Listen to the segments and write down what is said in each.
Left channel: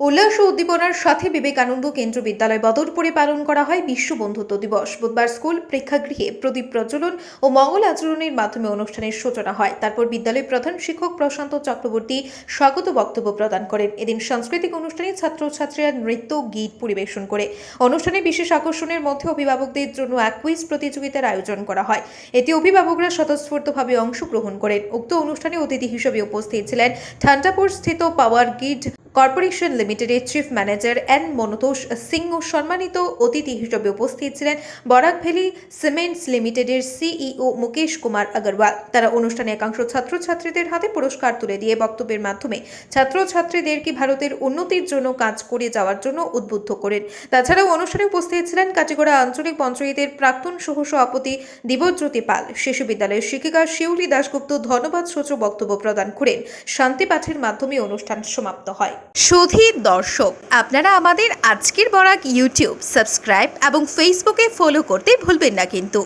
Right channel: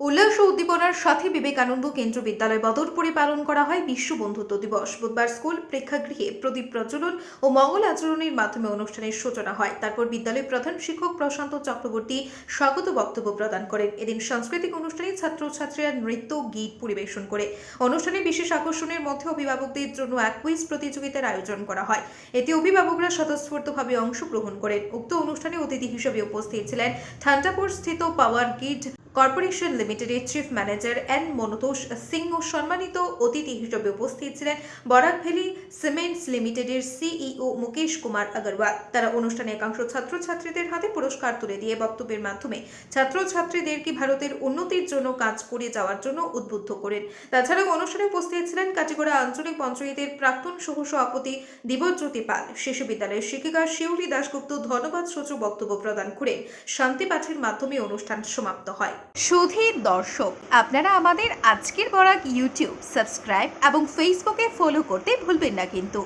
উল্লাস ও উদ্দীপনার সাথে বিবেকানন্দ কেন্দ্র বিদ্যালয় বদরপুরে পালন করা হয় বিশ্ব বন্ধুত্ব দিবস। বুধবার স্কুল প্রেক্ষাগৃহে প্রদীপ প্রজ্বলন ও মঙ্গল আচরণের মাধ্যমে অনুষ্ঠানের সূচনা হয়। তারপর বিদ্যালয়ের প্রধান শিক্ষক প্রশান্ত চক্রবর্তী স্বাগত বক্তব্য প্রদান করেন। এদিন সাংস্কৃতিক অনুষ্ঠানে ছাত্রছাত্রীরা নৃত্য গীত পরিবেশন করে। অনুষ্ঠানে বিশেষ আকর্ষণের মধ্যে অভিভাবকদের জন্য এক কুইজ প্রতিযোগিতার আয়োজন করা হয়। এতে অভিভাবকরা স্বতঃস্ফূর্তভাবে অংশগ্রহণ করেন। উক্ত অনুষ্ঠানে অতিথি হিসেবে উপস্থিত ছিলেন ঠান্ডাপুর স্থিত পাওয়ার গ্রিড কর্পোরেশন লিমিটেডের চিফ ম্যানেজার এন মনতোষ সিংহ। সম্মানিত অতিথি হিসেবে উপস্থিত ছিলেন বরাক ভ্যালি সিমেন্টস লিমিটেডের সিইও মুকেশ কুমার আগরওয়াল। তারা অনুষ্ঠানে একাংশ ছাত্রছাত্রীদের হাতে পুরস্কার তুলে দিয়ে বক্তব্যের মাধ্যমে ছাত্রছাত্রীদেরকে ভারতের উন্নতির জন্য কাজ করে যাওয়ার জন্য উদ্বুদ্ধ করেন। তাছাড়াও অনুষ্ঠানে উপস্থিত ছিলেন কাটিগড়া আঞ্চলিক পঞ্চায়েতের প্রাক্তন সহসভাপতি দিব্যজ্যোতি পাল। শিশু বিদ্যালয়ের শিক্ষিকা শিউলি দাশগুপ্ত ধন্যবাদ সূচক বক্তব্য প্রদান করেন। শান্তি পাঠের মাধ্যমে অনুষ্ঠান সমাপ্ত হয়। সুধীর দর্শক, আপনারা আমাদের আজকের বরাক ইউটিউব সাবস্ক্রাইব এবং ফেসবুকে ফলো করতে ভুলবেন না কিন্তু।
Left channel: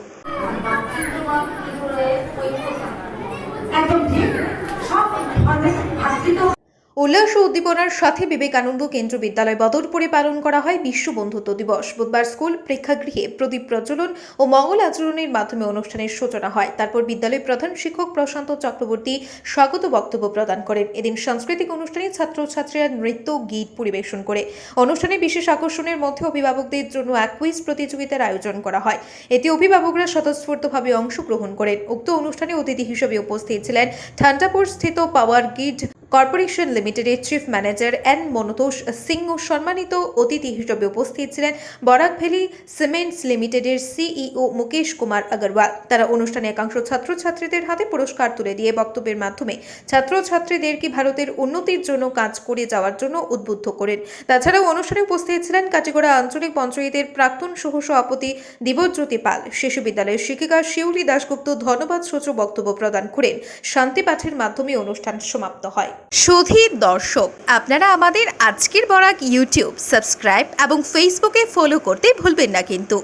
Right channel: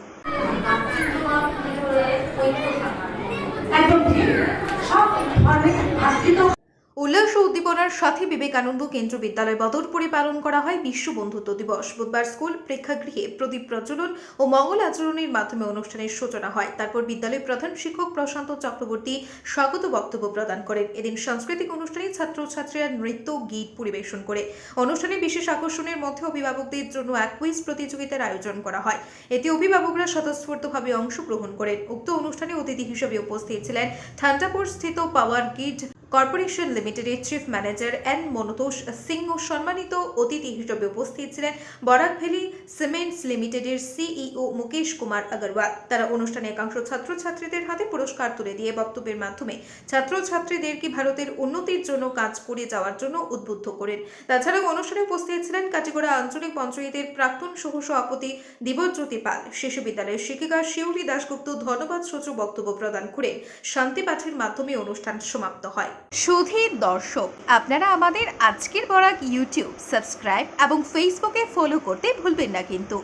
উল্লাস ও উদ্দীপনার সাথে বিবেকানন্দ কেন্দ্র বিদ্যালয় বদরপুরে পালন করা হয় বিশ্ব বন্ধুত্ব দিবস। বুধবার স্কুল প্রেক্ষাগৃহে প্রদীপ প্রজ্বলন ও মঙ্গল আচরণের মাধ্যমে অনুষ্ঠানের সূচনা হয়। তারপর বিদ্যালয়ের প্রধান শিক্ষক প্রশান্ত চক্রবর্তী স্বাগত বক্তব্য প্রদান করেন। এদিন সাংস্কৃতিক অনুষ্ঠানে ছাত্রছাত্রীরা নৃত্য গীত পরিবেশন করে। অনুষ্ঠানে বিশেষ আকর্ষণের মধ্যে অভিভাবকদের জন্য এক কুইজ প্রতিযোগিতার আয়োজন করা হয়। এতে অভিভাবকরা স্বতঃস্ফূর্তভাবে অংশগ্রহণ করেন। উক্ত অনুষ্ঠানে অতিথি হিসেবে উপস্থিত ছিলেন ঠান্ডাপুর স্থিত পাওয়ার গ্রিড কর্পোরেশন লিমিটেডের চিফ ম্যানেজার এন মনতোষ সিংহ। সম্মানিত অতিথি হিসেবে উপস্থিত ছিলেন বরাক ভ্যালি সিমেন্টস লিমিটেডের সিইও মুকেশ কুমার আগরওয়াল। তারা অনুষ্ঠানে একাংশ ছাত্রছাত্রীদের হাতে পুরস্কার তুলে দিয়ে বক্তব্যের মাধ্যমে ছাত্রছাত্রীদেরকে ভারতের উন্নতির জন্য কাজ করে যাওয়ার জন্য উদ্বুদ্ধ করেন। তাছাড়াও অনুষ্ঠানে উপস্থিত ছিলেন কাটিগড়া আঞ্চলিক পঞ্চায়েতের প্রাক্তন সহসভাপতি দিব্যজ্যোতি পাল। শিশু বিদ্যালয়ের শিক্ষিকা শিউলি দাশগুপ্ত ধন্যবাদ সূচক বক্তব্য প্রদান করেন। শান্তি পাঠের মাধ্যমে অনুষ্ঠান সমাপ্ত হয়। সুধীর দর্শক, আপনারা আমাদের আজকের বরাক ইউটিউব সাবস্ক্রাইব এবং ফেসবুকে ফলো করতে ভুলবেন না কিন্তু।